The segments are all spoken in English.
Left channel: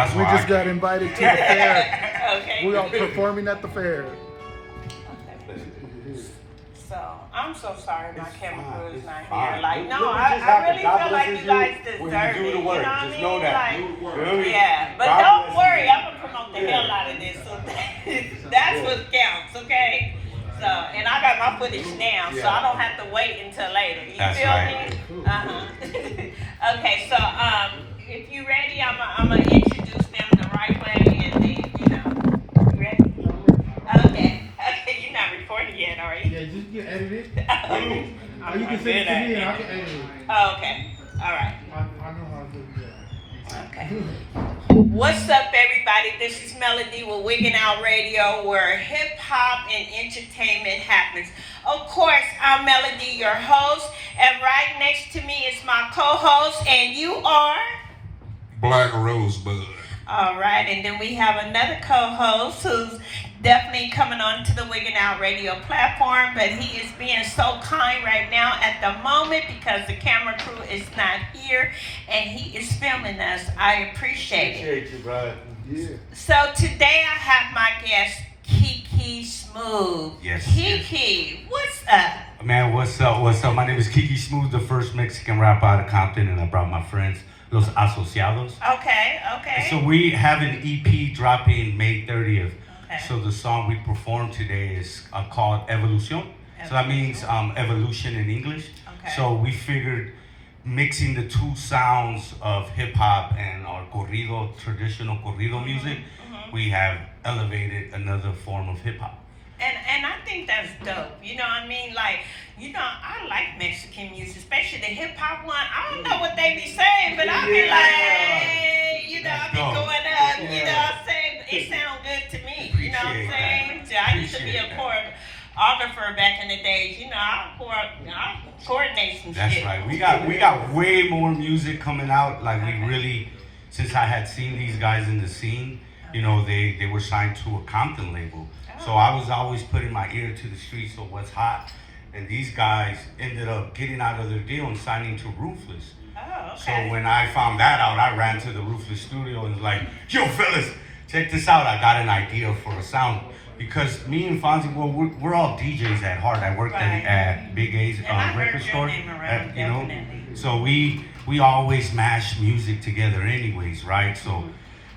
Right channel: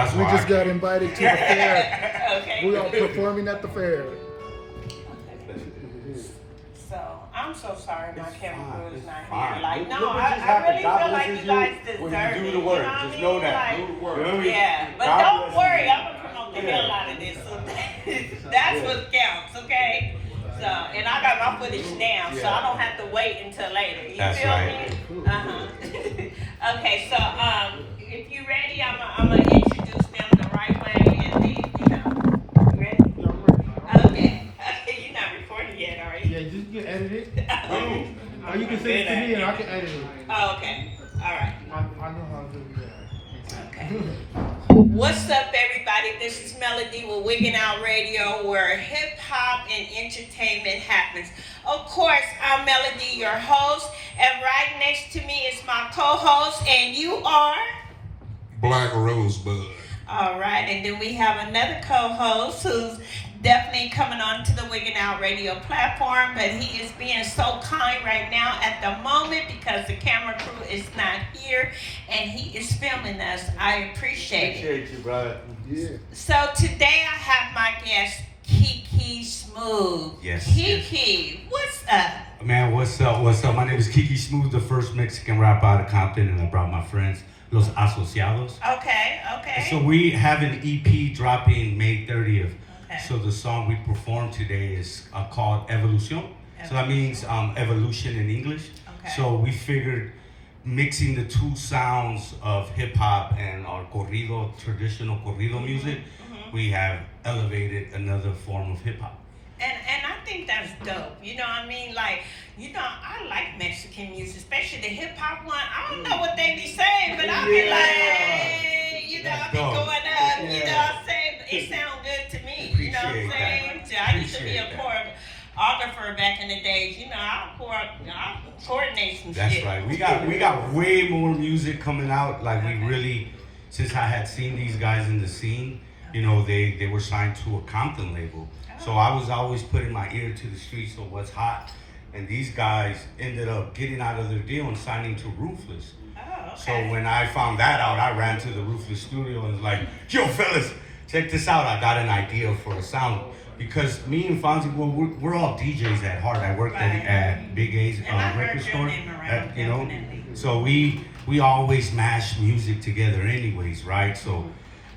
That's We why just got invited to the fair. Okay. We are performing at the fair. So I'm so sorry my camera crew is not fine. here. Like, no, Look what I just happened. really God feel like blesses you guys you deserve when you do it. the work. You know what Just I know mean? that. Like, Do the work. yeah, but God don't bless worry, you. I'm gonna promote the hell out of this. So that's what counts, okay? So, and I got my footage down, so I don't have to wait until later. You That's feel right. me? Okay, so if you ready, I'm gonna introduce them the right way, and then you ready? Okay, you're not recording yet, are you? Yeah, just get edited. Oh, Or you can send it to me and I can edit it. Oh, okay. All right. I know how to do that. Okay. What's up, everybody? This is Melody with Wiggin' Out Radio, where hip hop and entertainment happens. Of course, I'm Melody, your host, and right next to me is my co-host, and you are Black Rosebud. all right. And then we have another co-host who's definitely coming on to the Wiggin' Out Radio platform, but he is being so kind right now at the moment because the camera crew is not here and he is filming us. I appreciate it. Appreciate you, brother. Yeah. So today I have my guest, Kiki Smooth. Yes, Kiki, what's up? Man, what's up? What's up? My name is Kiki Smooth, the first Mexican rapper out of Compton, and I brought my friends, Los Asociados. Okay. So we have an EP dropping May 30th. Okay. So the song we performed today is called Evolution. So that means evolution in English. Okay. So we figured mixing the two sounds of hip hop and our corrido, traditional corrido music, we have elevated another form of hip hop. And I think that's dope. You know what I mean? Like, you know, I like Mexican music, especially the hip hop one. I don't know what they be saying, but I be like, hey, you know, I be going up, you know what I'm saying? It sound good to me. You know what I'm saying? So I used to be a choreographer back in the days. You know, I coordinate some That's shit. right. We got way more music coming out. Like we really, since I had seen these guys in the scene, you know, they were signed to a Compton label. So I was always putting my ear to the streets of what's hot. And these guys ended up getting out of their deal and signing to Ruthless. Oh, So okay. when I found that out, I ran to the Ruthless studio and was like, yo, fellas, check this out. I got an idea for a sound. Because me and Fonzie, well, we're all DJs at heart. I worked Right. at Big A's And I heard record your store. name around, You know, definitely. so we always mash music together anyways, right? So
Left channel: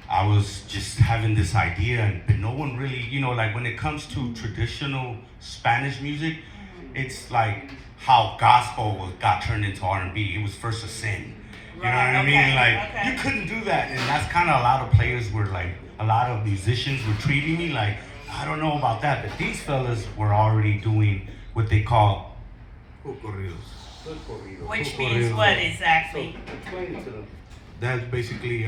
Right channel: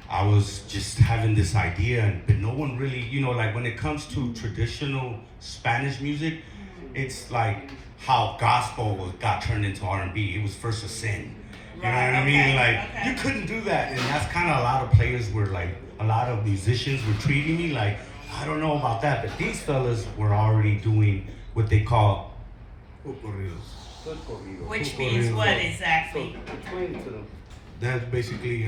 I was just having this idea, but no one really, you know, like when it comes to traditional Spanish music, it's like how gospel got turned into R&B. It was first a sin. You know what I Right, mean? okay, Like, okay. you couldn't do that. And that's kind of a lot of players were like, a lot of musicians were treating me like, I don't know about that. But these fellas were already doing what they call Corridos. Which means what exactly? Explain it to them. That's basically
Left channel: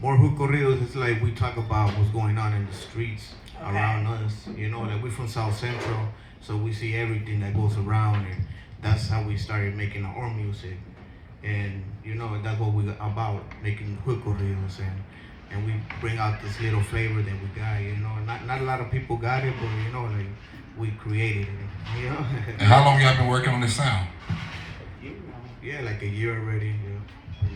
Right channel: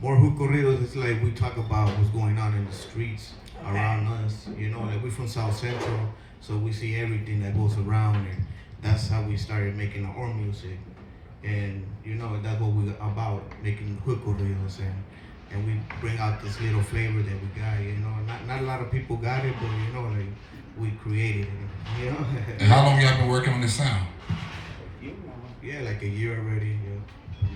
more hood corridos. It's like we talk about what's going on in the streets Okay. around us. You know, like we're from South Central, so we see everything that goes around, and that's how we started making our own music. And you know, that's what we're about, making hood corridos, and we bring out this little flavor that we got. You know, not a lot of people got it, but you know, like we created it. You know. And how long y'all been working on this sound? Yeah, like a year already. Yeah.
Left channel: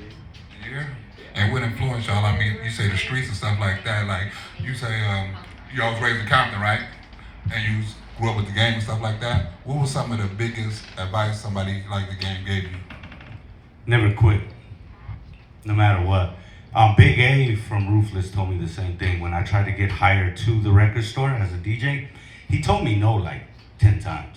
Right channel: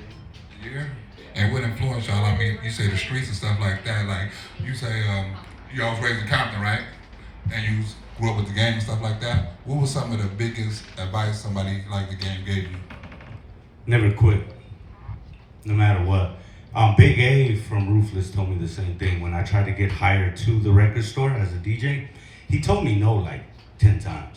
A year? And what influenced y'all? I mean, you say the streets and stuff like that. Like, you say you all was raised in Compton, right? And you grew up with the game and stuff like that. What was some of the biggest advice somebody like the game gave you? Never quit, no matter what. Big A from Ruthless told me the same thing. When I tried to get hired to the record store as a DJ, he told me no like 10 times.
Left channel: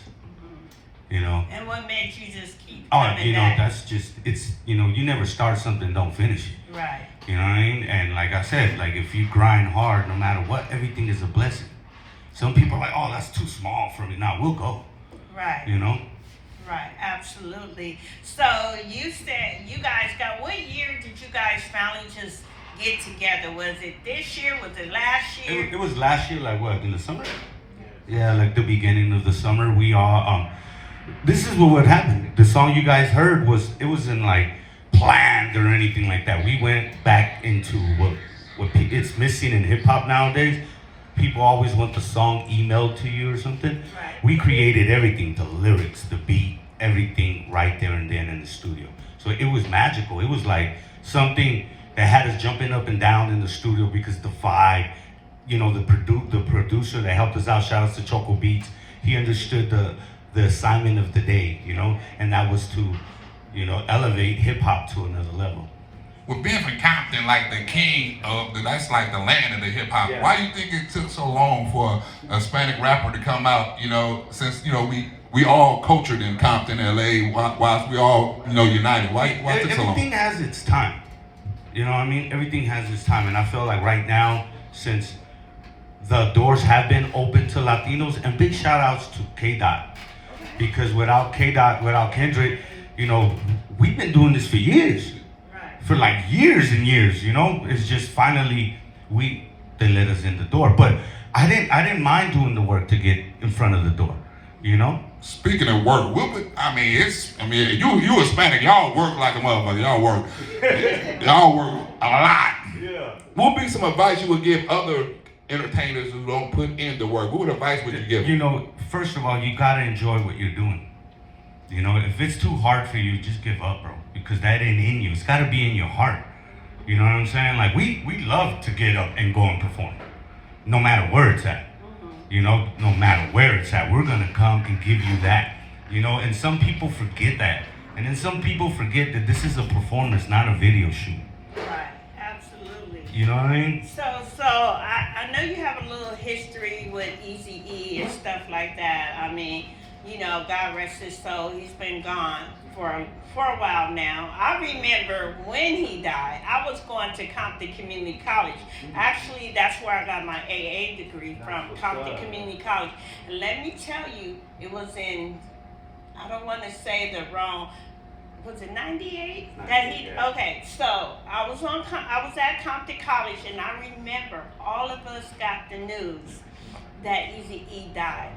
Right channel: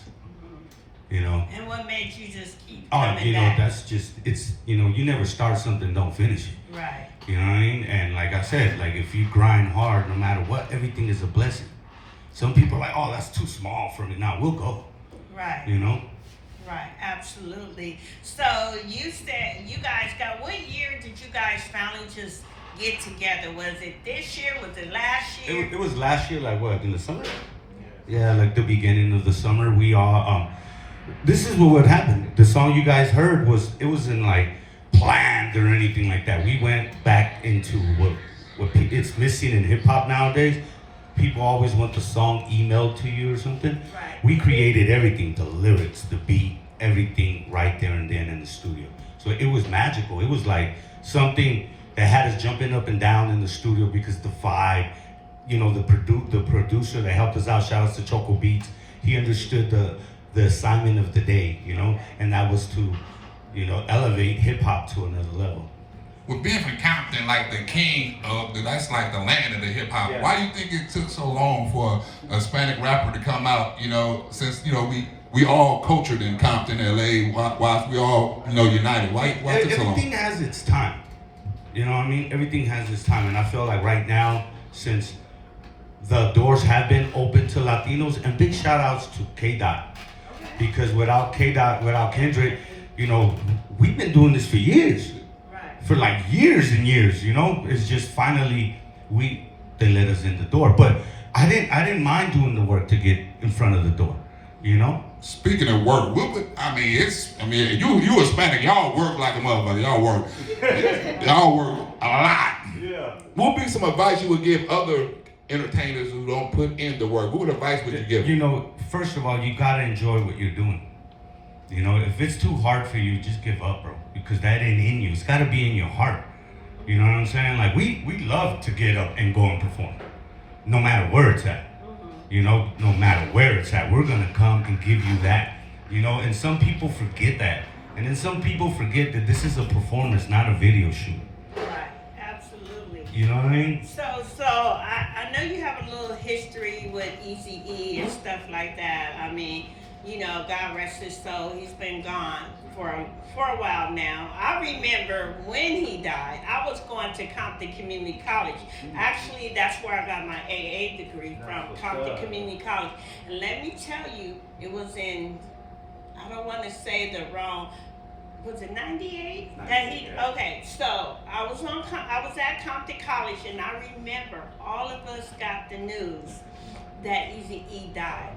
You know? And what made you just keep Oh, coming you know, back? that's just, it's, you know, you never start something, don't finish it. Right. You know what I mean? And like I said, like if you grind hard, no matter what, everything is a blessing. Some people are like, oh, that's too small for me. Now we'll go, Right. you know? Right, absolutely. So you said you guys got, what year did you guys finally just get together? Was it this year? Was it last year? It was last year, like what, in the summer? Yeah, like the beginning of the summer. We all, this is what would happen. The song you guys heard it wasn't like planned or anything like that. We went back into what it's missing in hip hop nowadays. People always want the song emailed to you or something. Right. We created everything, the lyrics, the beat, everything right there and then in the studio. So it was magical. It was like something that had us jumping up and down in the studio because the vibe, you know, the producer that helped us out, shout out to Choco Beats, he understood the assignment of the day, you know, and that was to, you know, elevate hip hop to another level. With being from Compton, like the king of that's like the land of the hip hop. Yeah. Why do you think it took so long for a Hispanic rapper to come out? You know, since you know we all cultured in Compton, LA, whilst we all united. Why it took so long? Everything has its time. You know what I mean? Everything has its time, and I feel like right now, since the doors have been open to Latinos, and big shout outs to K-Dot, because without K-Dot, without Kendrick, you know, we've been doing this for years. For like years and years, you know, it's just finally they let us in the door. But I didn't mind doing the work to get in front of the door, you know. Speaking of work, you Hispanic, y'all work like a motherfucker. Y'all work a lot. Yeah. What would be some advice you would give other entertainers who don't put in the work? What advice would you give? You know, first of all, you gotta enjoy what you're doing. You know, if it's too hard for you, just give up, bro. Because that ain't in you. It's gotta be in your heart. You know what I'm saying? Like we love to get up and go and perform. No matter where it's at. You know, no matter where it's at. We're gonna come and give you that. You know, and some people forget that. And then some people forget that this is a performance, not a video shoot. Right, absolutely. You know what I mean? So I know you have a little history with Eazy-E and stuff like that. I mean, you know, God rest his soul, he's been gone for a while now. I remember when he died, I was going to Compton Community College. Actually, that's where I got my AA degree from, Compton Community College. And let me tell you, it was in, I don't want to say the wrong, was it 98? Okay, so I was at Compton College, and I remember all of us got the news that Eazy-E died.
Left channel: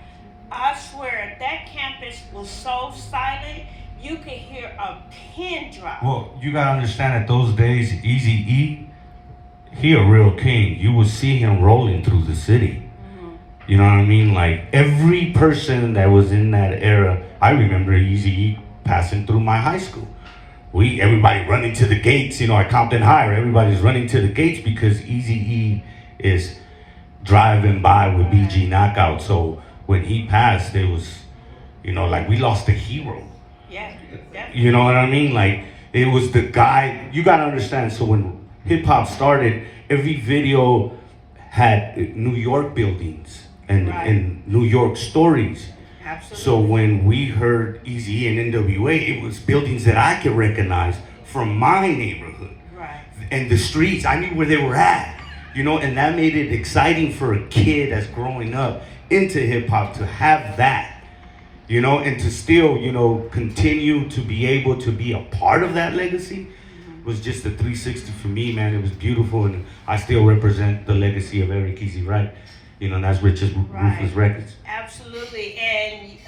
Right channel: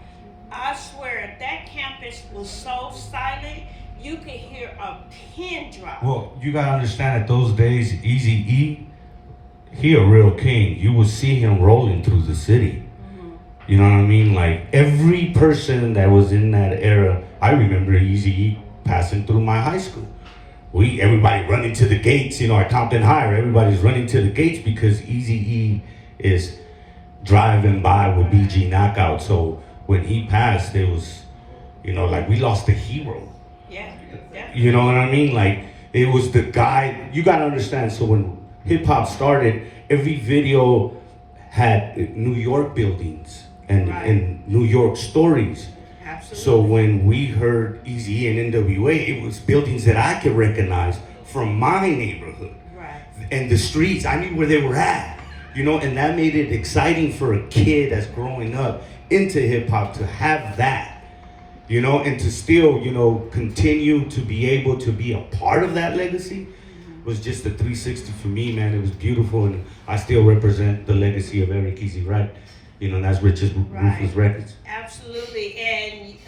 I swear, that campus was so silent, you could hear a pin drop. Well, you gotta understand that those days, Eazy-E, he a real king. You would see him rolling through the city. You know what I mean? Like, every person that was in that era, I remember Eazy-E passing through my high school. Everybody running to the gates, you know, at Compton High, everybody's running to the gates because Eazy-E is driving by with BG Knockout. So when he passed, it was, you know, like we lost a hero. Yeah. You know what I mean? Like, it was the guy, you gotta understand, so when hip hop started, every video had New York buildings and New York stories. Absolutely. So when we heard Eazy and NWA, it was buildings that I could recognize from my neighborhood. Right. And the streets, I knew where they were at. You know, and that made it exciting for a kid that's growing up into hip hop to have that. You know, and to still, you know, continue to be able to be a part of that legacy was just a 360 for me, man. It was beautiful, and I still represent the legacy of Eric Easy, right? You know, and that's Ruthless Records. Absolutely, and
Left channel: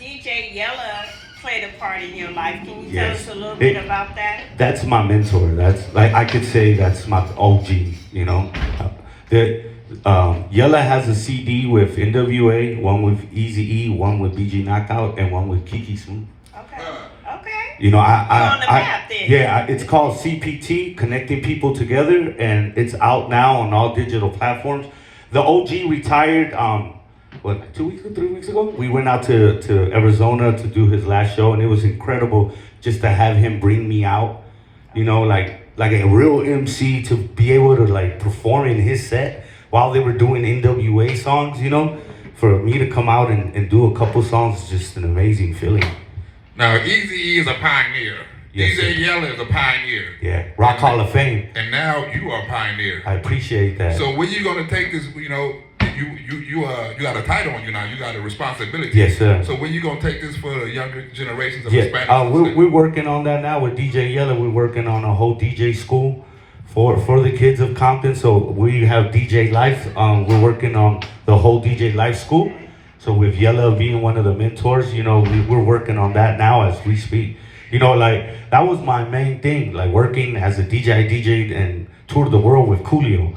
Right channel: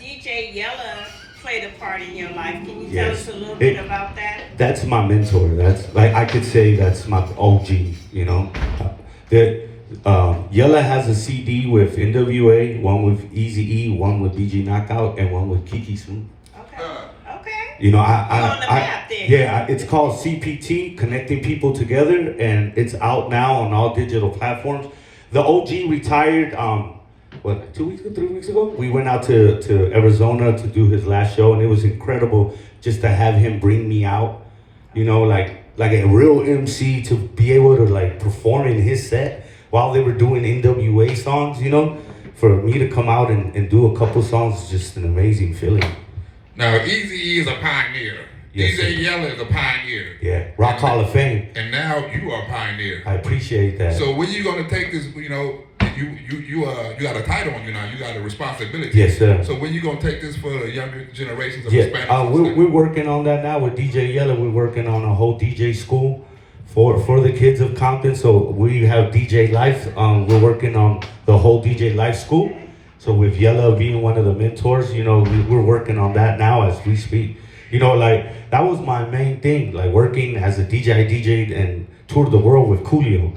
DJ Yella played a part in your life. Can you Yes. tell us a little bit about that? That's my mentor. That's, like, I could say that's my OG, you know. Yella has a CD with NWA, one with Eazy-E, one with BG Knockout, and one with Kiki Smooth. Okay. You know, You're on the map then. it's called CPT, Connecting People Together, and it's out now on all digital platforms. The OG retired, 2 weeks ago, 3 weeks ago? We went out to Arizona to do his last show, and it was incredible just to have him bring me out, you know, like a real MC, to be able to like perform in his set while they were doing NWA songs, you know. For me to come out and do a couple songs is just an amazing feeling. Now, Eazy-E is a pioneer. Yes, DJ sir. Yella is a pioneer. Yeah, Rock Hall of Fame. And now you are a pioneer. I appreciate that. So when you gonna take this, you know, you got a title on you now, you got a responsibility. Yes, sir. So when you gonna take this for the younger generations of Yeah, Hispanics? we're working on that now with DJ Yella. We're working on a whole DJ school for the kids of Compton. So we have DJ Life. We're working on the whole DJ Life school. So with Yella being one of the mentors, you know, we're working on that now as we speak. You know, like, that was my main thing, like working as a DJ. I DJ'd and toured the world with Coolio.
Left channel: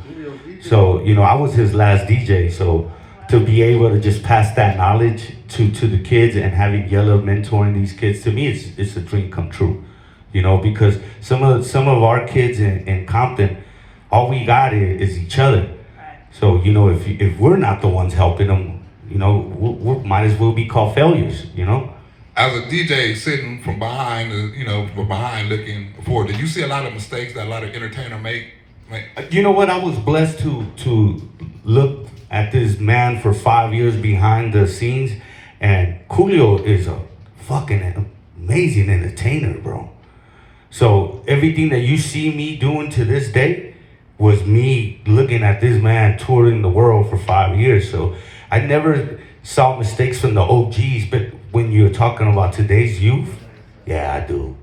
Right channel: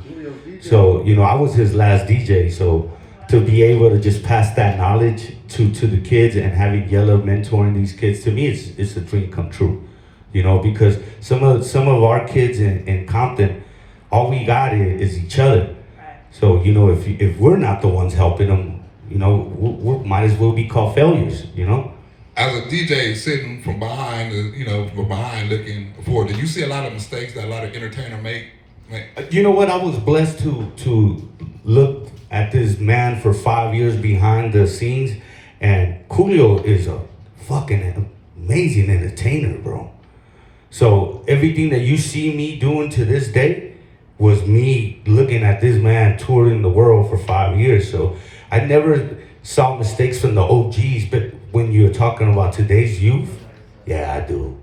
So, you know, I was his last DJ. So to be able to just pass that knowledge to the kids and having Yella mentoring these kids, to me, it's a dream come true. You know, because some of our kids in Compton, all we got is each other. Right. So you know, if we're not the ones helping them, you know, we might as well be called failures. You know. As a DJ sitting from behind, from behind looking forward, did you see a lot of mistakes that a lot of entertainers make? You know what? I was blessed to look at this man for 5 years behind the scenes, and Coolio is a fucking amazing entertainer, bro. So everything that you see me doing to this day was me looking at this man touring the world for 5 years. So I never saw mistakes from the OGs, but when you're talking about today's youth, yeah, I do.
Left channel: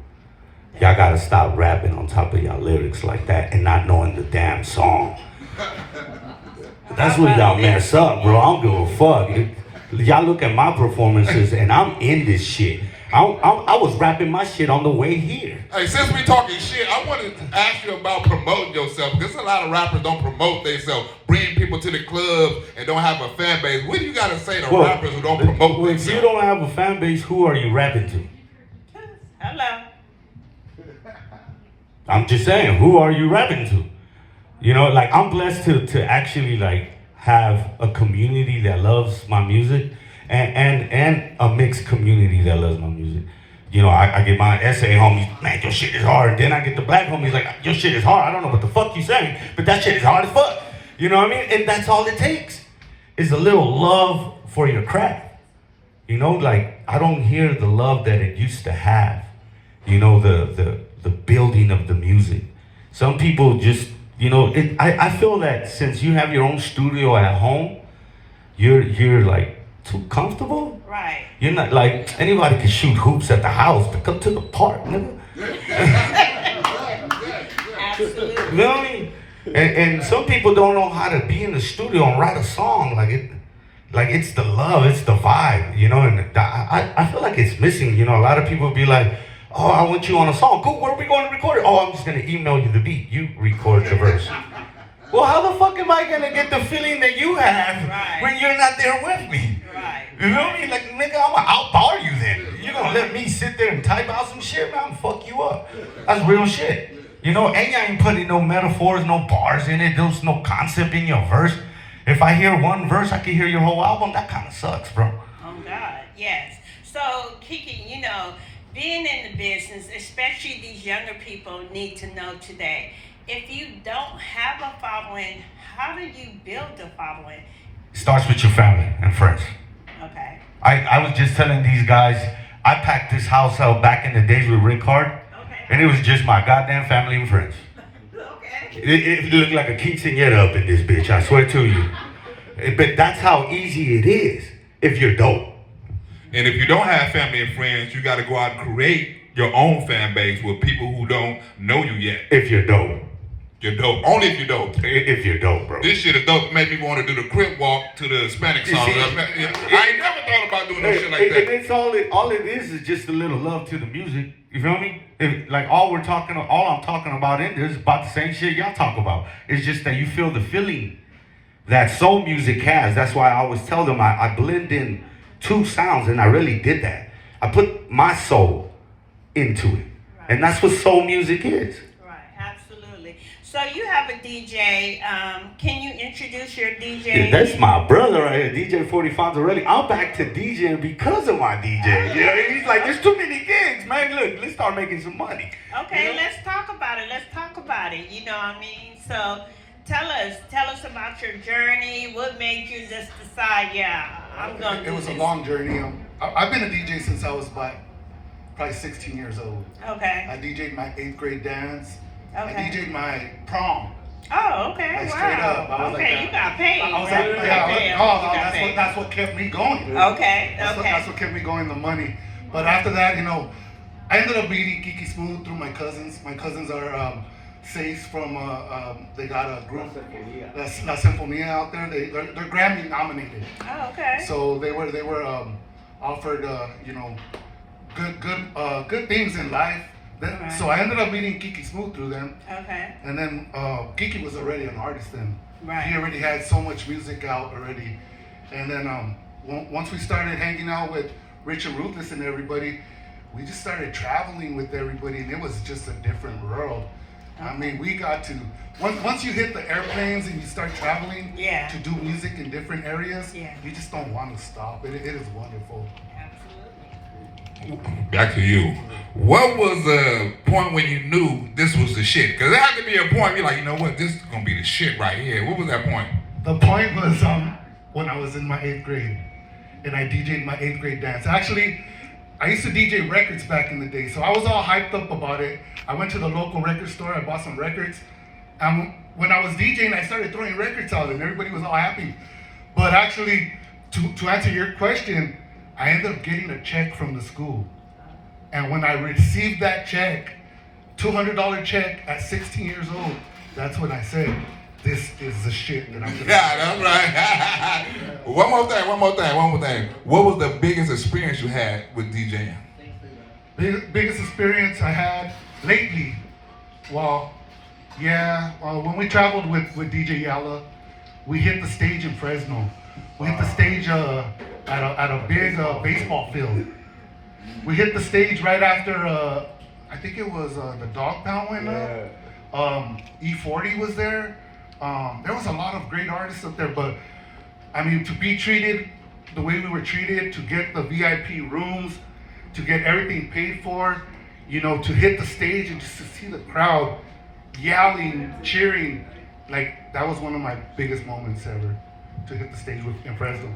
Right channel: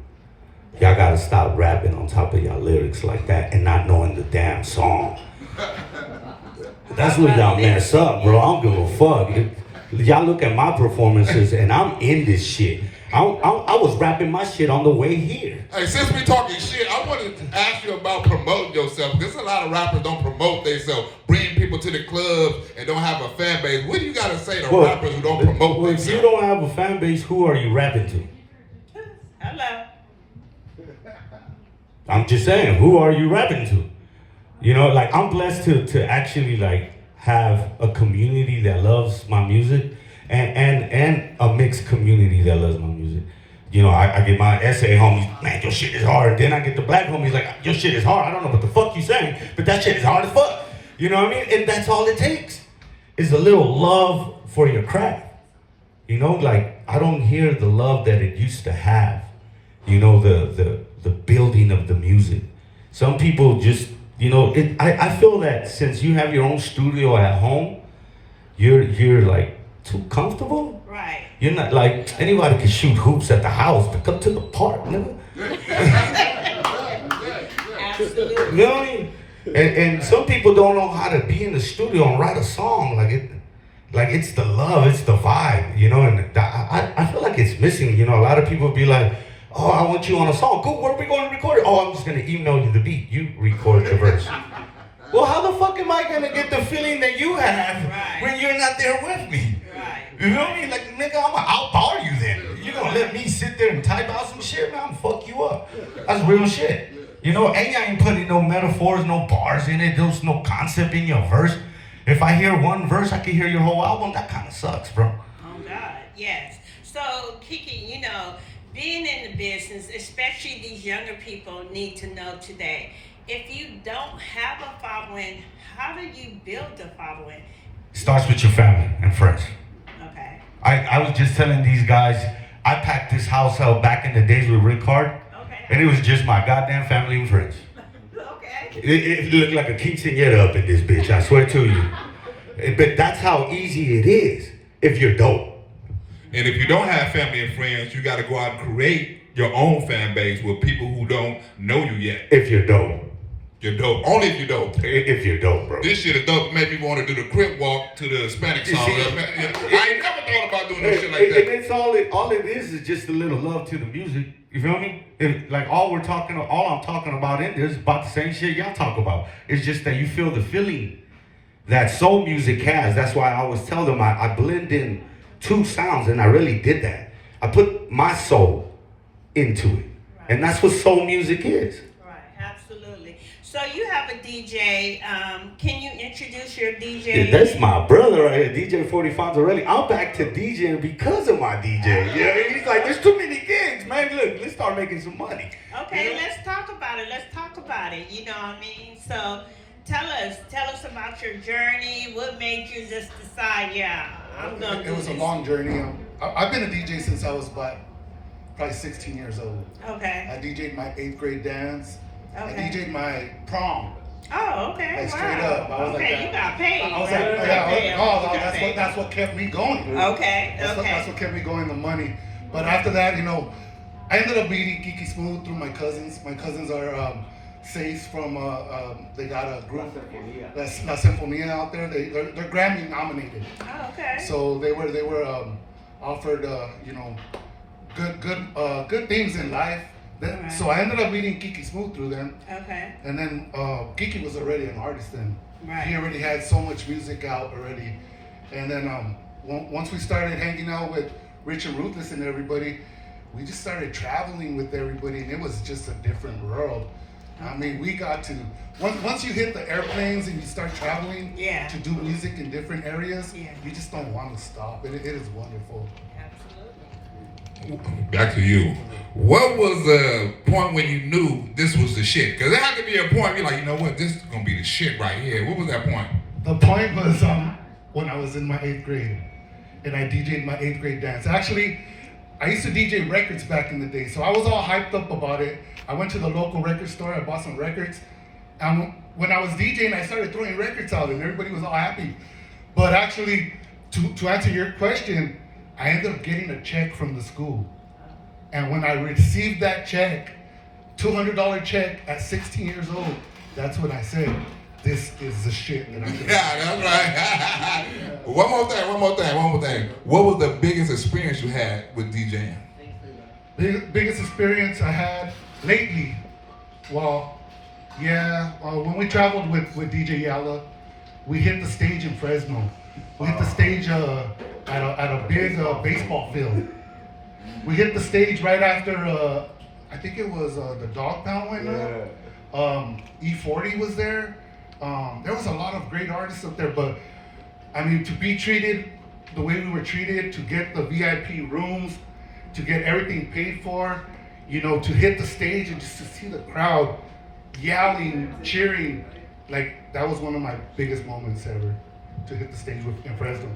Y'all gotta stop rapping on top of y'all lyrics like that and not knowing the damn song. That's where y'all mess up, bro. I don't give a fuck. Y'all look at my performances and I'm in this shit. I was rapping my shit on the way here. Hey, since we talking shit, I wanted to ask you about promoting yourself. Because a lot of rappers don't promote themselves, bring people to the clubs and don't have a fan base. What do you got to say to rappers who don't promote themselves? If you don't have a fan base, who are you rapping to? Hello. I'm just saying, who are you rapping to? You know, like I'm blessed to actually like have a community that loves my music and a mixed community that loves my music. You know, I get my SA homies, man, your shit is hard. Then I get the black homies like, your shit is hard. I don't know what the fuck you saying, but that shit is hard as fuck. You know what I mean? And that's all it takes is a little love for your craft. You know, like I don't hear the love that it used to have. You know, the building of the music. Some people just, you know, I feel that since you have your own studio at home, you're like too comfortable. Right. You're not like anybody can shoot hoops at the house, but come to the park, nigga. Absolutely. You know what I mean? And some people don't know how to be in the studio and write a song like it's the love, it's the vibe, you know. And I feel like it's missing. You know, a lot of people be like, oh, I want you on a song. Cool, where are we going to record it? Oh, I'm just going to email you the beat. You record the verse. Well, how the fuck am I going to get the feeling that you have when you're not there with me? Right. You know what I mean? Like, nigga, I'm going to outbar you then. You're going to let me sit there and type out some shit, man? Fuck you up. That's real shit. You know, and I ain't putting no metaphors, no bars in it. There's no concept in your verse. If I hear one verse, I can hear your whole album. That kind of sucks, bro. Oh, God. Yes. So, Kiki, you know, being in the business, especially these younger people need to know today, if you don't have a following, how do you build a following? It starts with your family and friends. Okay. I was just telling these guys, I packed this house out back in the days with Rick Hard, Okay. and it was just my goddamn family and friends. Okay. It looked like a quinceañera up in this bitch, I swear to you. But that's how easy it is if you're dope. And if you don't have family and friends, you got to go out and create your own fan base with people who don't know you yet. If you're dope. You're dope. Only if you're dope. If you're dope, bro. This shit is dope. Made me want to do the crip walk to the Hispanic song. I ain't never thought about doing no shit like that. And it's all it is just a little love to the music. You feel me? Like all I'm talking about in there is about the same shit y'all talk about. It's just that you feel the feeling that soul music has. That's why I always tell them I blend in two sounds, and I really did that. I put my soul into it. Right. And that's what soul music is. Right, absolutely. So you have a DJ. Can you introduce your DJ? Yeah, that's my brother right here, Dj40fonz and Los. I'm back to DJing because of my DJ. You know, he's like, there's too many gigs, man. Look, let's start making some money. Okay, You know? let's talk about it. You know what I mean? So tell us about your journey. What made you just decide, yeah, I'm going to do It was this? a long journey. I've been a DJ since I was probably 16 years old. Okay. I DJ'd my 8th grade dance. Okay. I DJ'd my prom. Oh, okay. Like wow. straight up. I was okay, like you got paid. I was You like, got paid. yeah, You got that's what kept me going. paid. Okay, That's what kept me going, the money. But after that, you know, I ended up meeting Kiki Smooth through my cousins. My cousins are Sace from, they got a group, La Sinfonia out there. They're Grammy nominated. Oh, okay. So they were offered, you know, good things in life. Right. So I ended up meeting Kiki Smooth through them. Okay. And then Kiki was already an artist then. Right. He already had so much music out already. And then once we started hanging out with Richard Ruthless and everybody, we just started traveling with everybody, and it was just a different world. I mean, we got to, once you hit the airplanes and you start traveling Yeah. to do music in different areas, Yeah. you just don't want to stop. It is wonderful. Absolutely. Back to you. What was the point when you knew this was the shit? Because there had to be a point you're like, you know what, this is going to be the shit right here. What was that point? The point was when I was in my 8th grade, and I DJ'd my 8th grade dance. Actually, I used to DJ records back in the day, so I was all hyped up about it. I went to the local record store, I bought some records, and when I was DJing, I started throwing records out, and everybody was all happy. But actually, to answer your question, I ended up getting a check from the school. And when I received that check, $200 check at 16 years old, that's when I said, this is the shit that I'm doing. Yeah, that's right. One more thing. What was the biggest experience you had with DJing? Biggest experience I had lately, when we traveled with DJ Yalla, we hit the stage in Fresno. We hit the stage at a big baseball field. We hit the stage right after, I think it was the Dog Pound went up. E40 was there. There was a lot of great artists up there, but I mean, to be treated the way we were treated, to get the VIP rooms, to get everything paid for, you know, to hit the stage and just to see the crowd yelling, cheering, like that was one of my biggest moments ever, to hit the stage in Fresno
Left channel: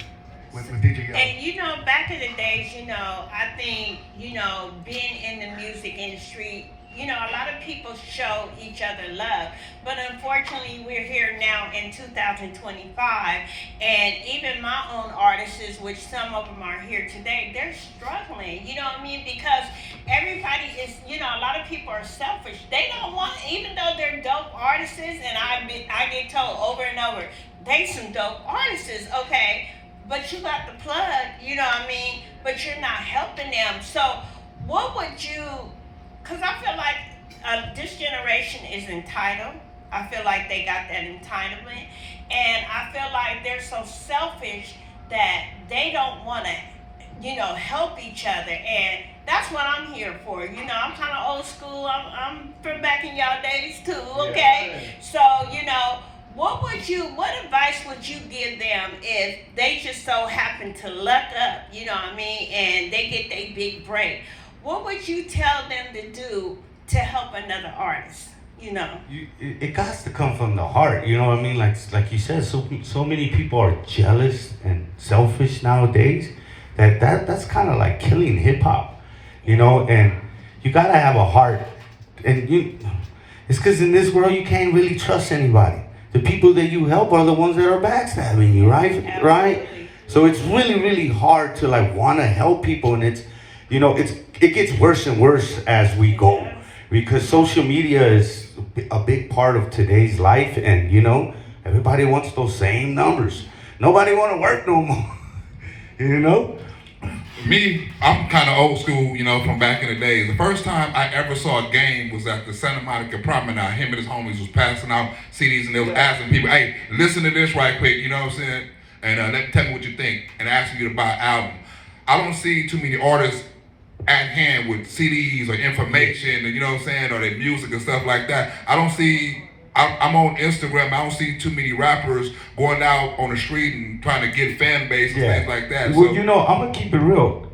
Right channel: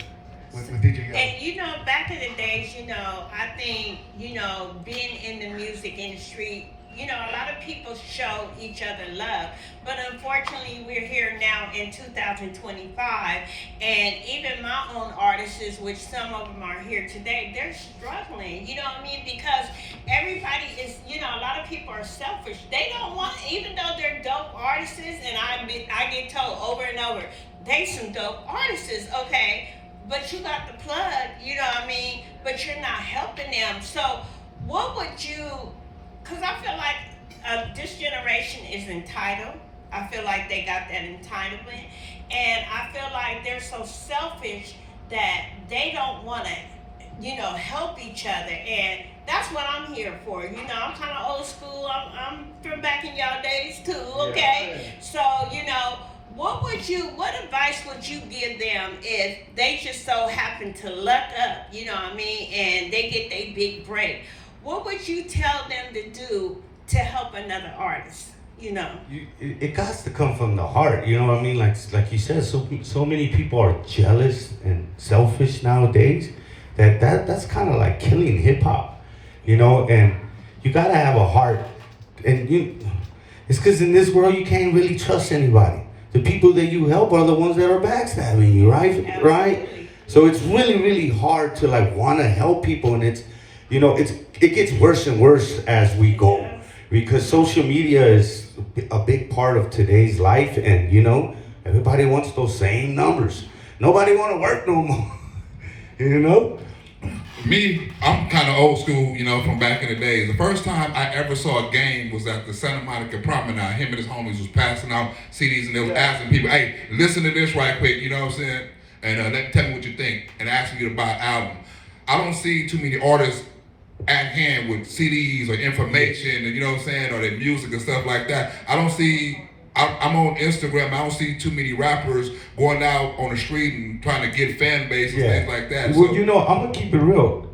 with DJ Yalla. And you know, back in the days, you know, I think, you know, being in the music industry, you know, a lot of people show each other love, but unfortunately we're here now in 2025, and even my own artists, which some of them are here today, they're struggling, you know what I mean, because everybody is, you know, a lot of people are selfish. They don't want, even though they're dope artists, and I get told over and over, they some dope artists, okay, but you got the plug, you know what I mean, but you're not helping them. So what would you, because I feel like this generation is entitled. I feel like they got that entitlement. And I feel like they're so selfish that they don't want to, you know, help each other. And that's what I'm here for. You know, I'm kind of old school. I'm from back in y'all days too, okay? Yeah. So, you know, what advice would you give them if they just so happen to luck up, you know what I mean, and they get their big break? What would you tell them to do to help another artist? You know, it got to come from the heart. You know what I mean? Like you said, so many people are jealous and selfish nowadays that's kind of like killing hip hop. You know, and you gotta have a heart. And it's because in this world you can't really trust anybody. The people that you help are the ones that are backstabbing you, right? Absolutely. Right? So it's really, really hard to like want to help people, and it's, you know, it gets worse and worse as we go, because social media is a big part of today's life, and you know, everybody wants those same numbers. Nobody want to work no more, you know? Me, I'm kind of old school, you know, from back in the days. The first time I ever saw a game was at the Santa Monica Promenade. Him and his homies was passing out CDs, and they was asking people, hey, listen to this right quick, you know what I'm saying? And tell me what you think, and asking you to buy an album. I don't see too many artists at hand with CDs or information, and you know what I'm saying, or their music and stuff like that. I'm on Instagram, I don't see too many rappers going out on the street and trying to get fan base and things like that. Well, so, you know, I'm going to keep it real.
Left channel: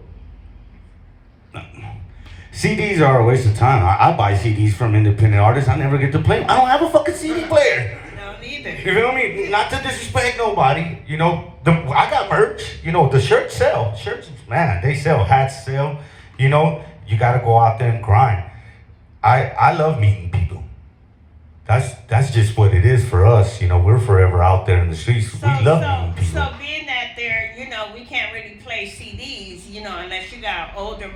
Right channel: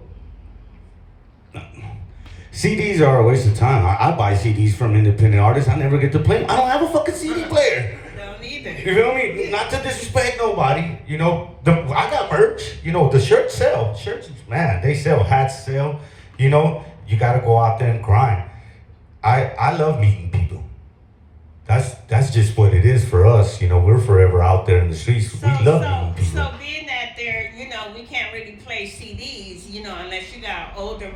CDs are a waste of time. I buy CDs from independent artists. I never get to play them. I don't have a fucking CD player. no, either. You feel me? Not to disrespect nobody. You know, I got merch. You know, the shirts sell. Shirts, man, they sell. Hats sell. You know, you got to go out there and grind. I love meeting people. That's just what it is for us. You know, we're forever out there in the streets. We love meeting people. So being that there, you know, we can't really play CDs, you know, unless you got an older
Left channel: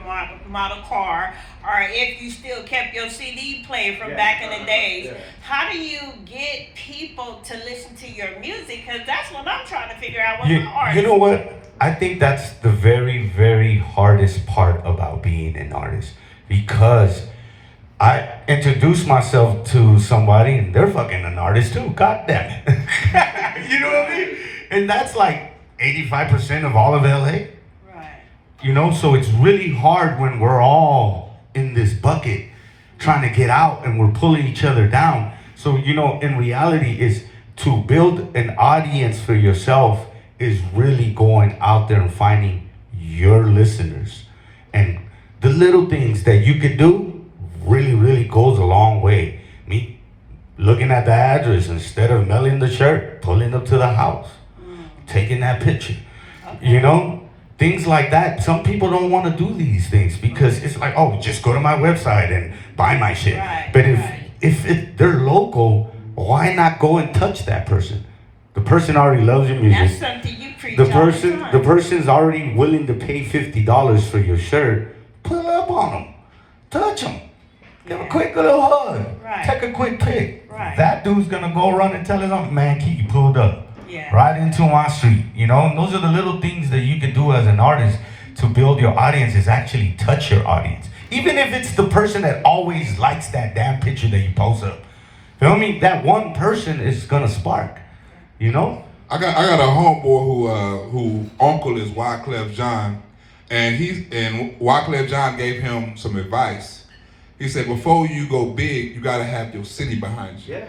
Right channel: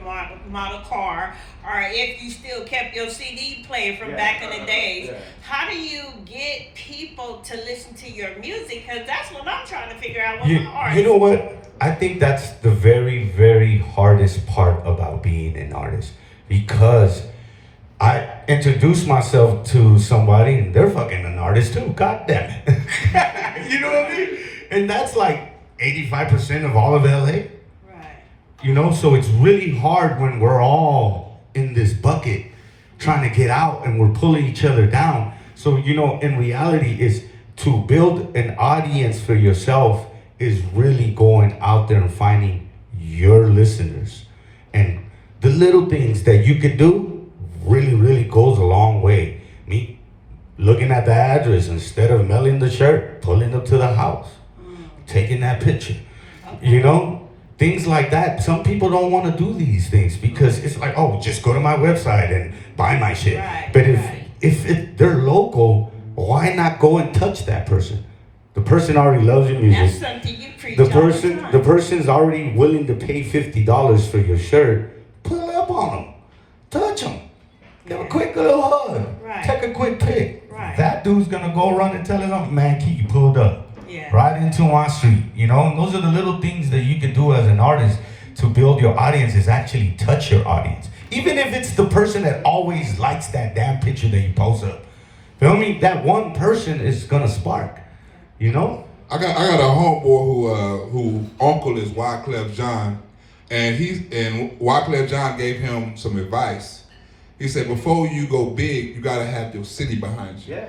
model car, or if you still kept your CD player from back in the days. Yeah. How do you get people to listen to your music? Because that's what I'm trying to figure out with my artist. You know what? I think that's the very, very hardest part about being an artist, because I introduce myself to somebody and they're fucking an artist too. God damn it. You know what I mean? And that's like 85% of all of LA. Right. You know, so it's really hard when we're all in this bucket trying to get out and we're pulling each other down. So, you know, in reality is to build an audience for yourself is really going out there and finding your listeners. And the little things that you could do really, really goes a long way. Me looking at the address instead of mailing the shirt, pulling up to the house, taking that picture. You know, things like that. Some people don't want to do these things because it's like, oh, just go to my website and buy my shit. Right, But right. if they're local, why not go and touch that person? The person already loves your music. That's something you preach The all person, the the person's already willing to pay $50 for your shirt. Pull up on them, touch them, give a quick little hug, Right. take a quick pic. Right. That dude's gonna go run and tell his uncle, man, Kiki pulled up Yeah. right into my street. You know, and those are the little things that you can do as an artist to build your audience. Is actually touch your audience, even if it's the person that always likes that damn picture that you post up. Feel me? That one person is gonna spark. You know. I got a homeboy who uncle is Wyclef John, and Wyclef John gave him some advice. He said, before you go big, you gotta have your city behind you. Yeah.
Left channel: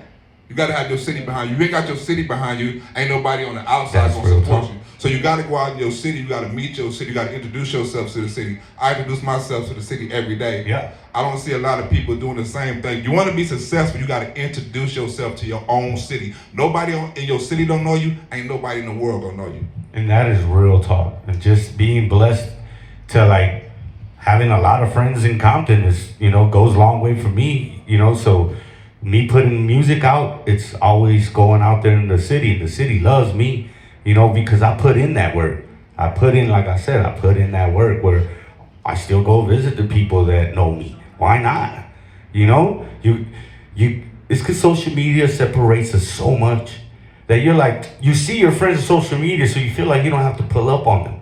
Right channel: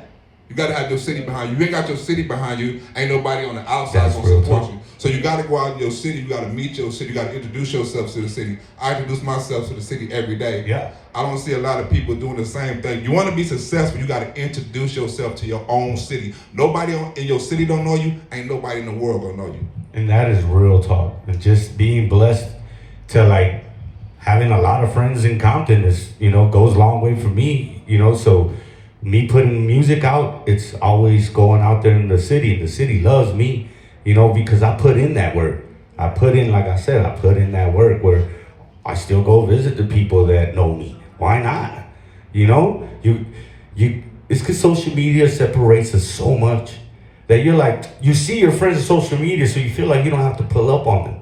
You gotta have your city behind you. You ain't got your city behind you, ain't nobody on the outside That's gonna real support talk. you. So you gotta go out in your city, you gotta meet your city, you gotta introduce yourself to the city. I introduce myself to the city every day. Yeah. I don't see a lot of people doing the same thing. You wanna be successful, you gotta introduce yourself to your own city. Nobody in your city don't know you, ain't nobody in the world gonna know you. And that is real talk. And just being blessed to like having a lot of friends in Compton is, you know, goes a long way for me, you know, so me putting music out, it's always going out there in the city. The city loves me, you know, because I put in that work. I put in, like I said, I put in that work where I still go visit the people that know me. Why not? You know, it's because social media separates us so much that you're like, you see your friends on social media, so you feel like you don't have to pull up on them.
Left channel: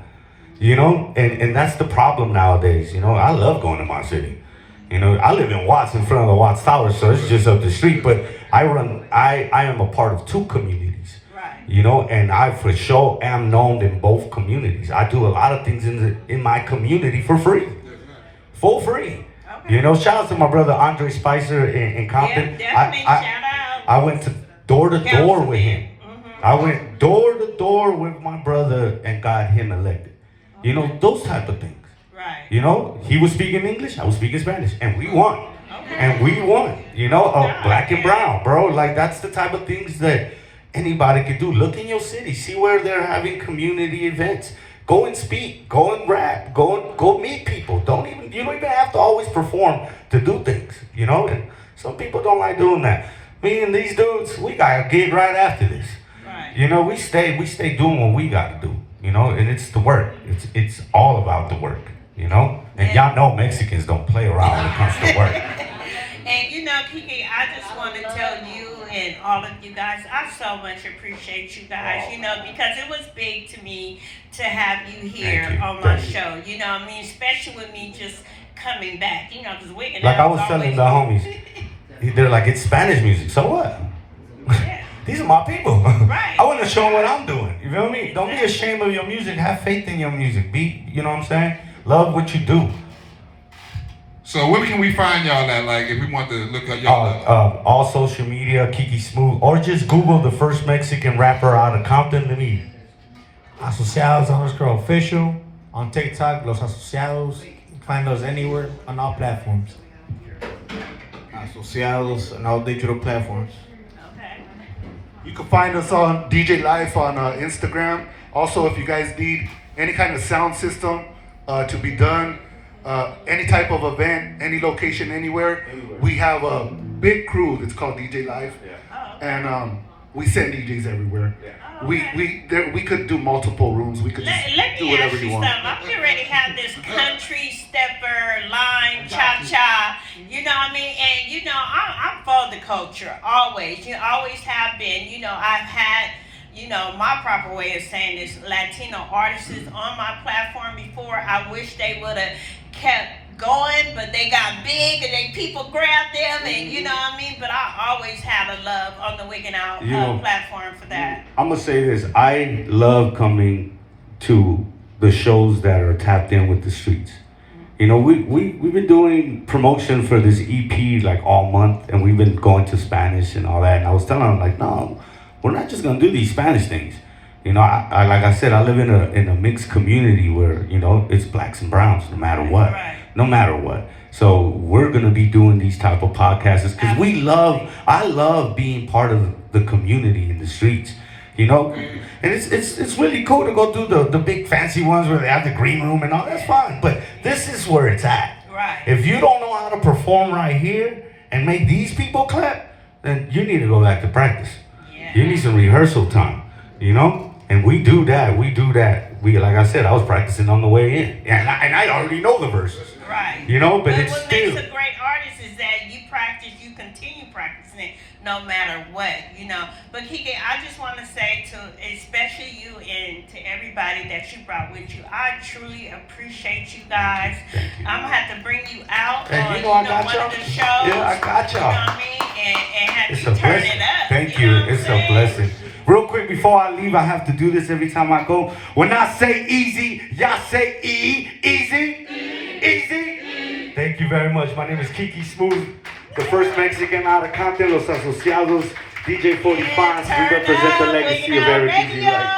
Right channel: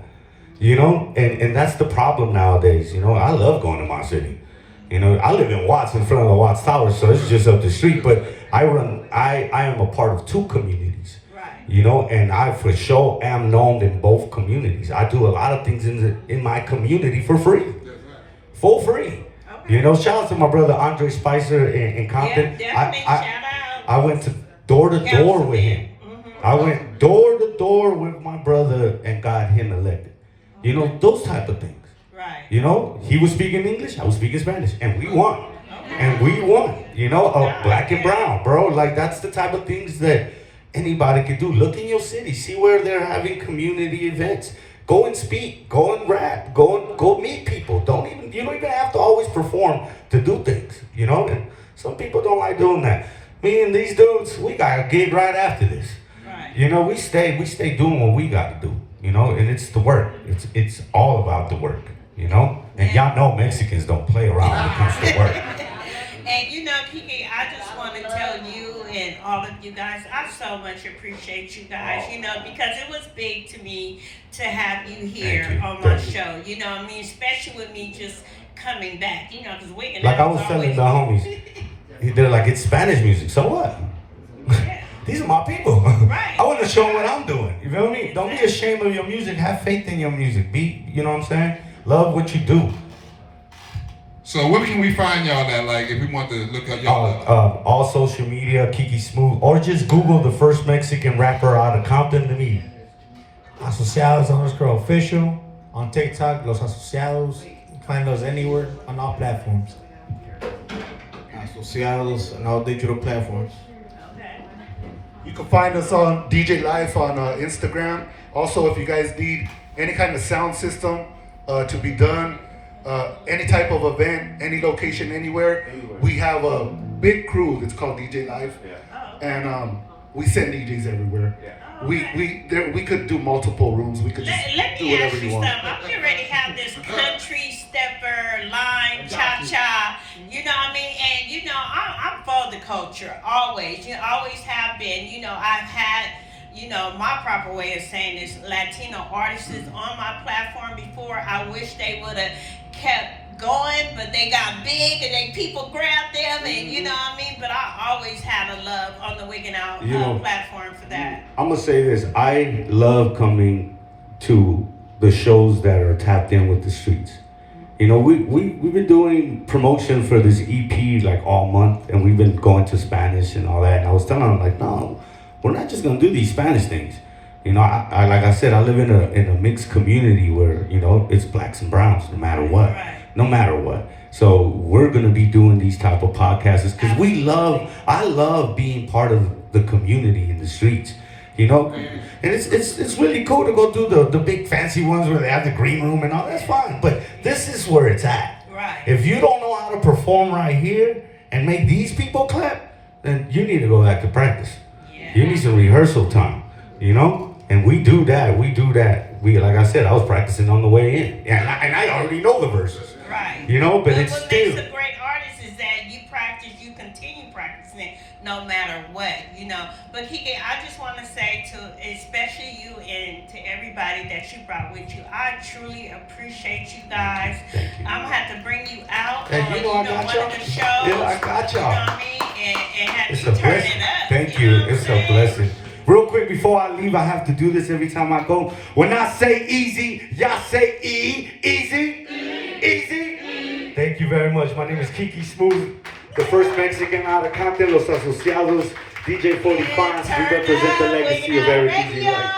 You know, and that's the problem nowadays. You know, I love going to my city. You know, I live in Watts, in front of the Watts Tower, so it's just up the street. But I am a part of two communities. Right. You know, and I for sure am known in both communities. I do a lot of things in my community for free, for free. Okay. You know, shout out to my brother Andre Spicer in Compton. Yeah, definitely shout out. I went to door to door with him. Mm-hmm. I went door to door with my brother and got him elected. You know, those type of things. Right. You know, he was speaking English, I was speaking Spanish, and we won. Okay. And we won. You know, black and brown, bro. Like, that's the type of things that anybody could do. Look in your city, see where they're having community events. Go and speak, go and rap, go meet people. You don't even have to always perform to do things, you know? And some people don't like doing that. Me and these dudes, we got a gig right after this. Right. You know, we stay doing what we got to do, you know, and it's the work. It's all about the work, you know? And y'all know Mexicans don't play around when it comes to work. And you know, Kiki, I just want to tell you and all of you guys, I so much appreciate you guys, you know, because it was big to me to have you here Thank you. on my Thank you. show. You know what I mean? Especially with me just coming back, you know, because Wigan. Like I was telling the homies, they're like, it's Spanish music, so what? Yeah. These are my people. Right. I want to show what I'm doing. You feel me? Don't be ashamed of your music. Have faith in your music. You know what I'm saying? Love what you do. So where can we find y'all at? Like, if we want to look at y'all. All social media, Kiki Smooth, or just Google the first Mexican rapper out of Compton. Let me. Asociados _ official on TikTok, Los Asociados. You can find us anywhere on all platforms. Asociados and all digital platforms. Okay. You can find us on DJ Life on Instagram. Also, if you guys need any kind of sound system to be done, any type of event, any location, anywhere, we have a big crew that's called DJ Life, and we send DJs everywhere. We could do multiple rooms. We could just Let do me whatever ask you you something. want. I'm getting ready to have this country stepper, line, cha-cha, you know what I mean? And, you know, I'm for the culture, always. You know, always have been. You know, I've had, you know, my proper way of saying this, Latino artists on my platform before. I wish they would have kept going, but they got big and they people grabbed them, and you know what I mean? But I always had a love on the Wiggin' Out platform for that. I'm gonna say this. I love coming to the shows that are tapped in with the streets. You know, we've been doing promotion for this EP like all month, and we've been going to Spanish and all that. And I was telling them, like, no, we're not just gonna do these Spanish things. You know, I like I said, I live in a mixed community where, you know, it's blacks and browns no matter what. Right. No matter what. So we're gonna be doing these type of podcasts because I love being part of the community in the streets. You know, and it's really cool to go do the big fancy ones where they have the green room and all. That's fine, but this is where it's at. Right. If you don't know how to perform right here and make these people clap, then you need to go back to practice. Yeah. You need some rehearsal time. You know, and we do that. We, like I said, I was practicing on the way in, and I already know the verses. Right. You know, but it's what still. makes a great artist is that you practice, you continue practicing no matter what, you know. But Kiki, I just want to say to especially you and to everybody that you brought with you, I truly appreciate you guys. Thank you. I'm gonna have to bring you out And on you know I got one y'all. of the shows. Yeah, I got y'all. You know what I mean? And have It's you a turn blessing. it up. Thank you. you. Know what It's I'm a saying? blessing. Real quick before I leave, I have to do this every time I go. When I say easy, y'all say easy. Easy. Thank you very much. My name is Kiki Smooth, the first Mexican out of Compton, Los Asociados, Dj40fonz. We represent the legacy of Eric Easy Life.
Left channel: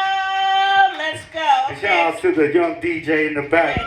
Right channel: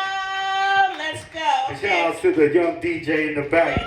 Let's go. And shout out to the young DJ in the back.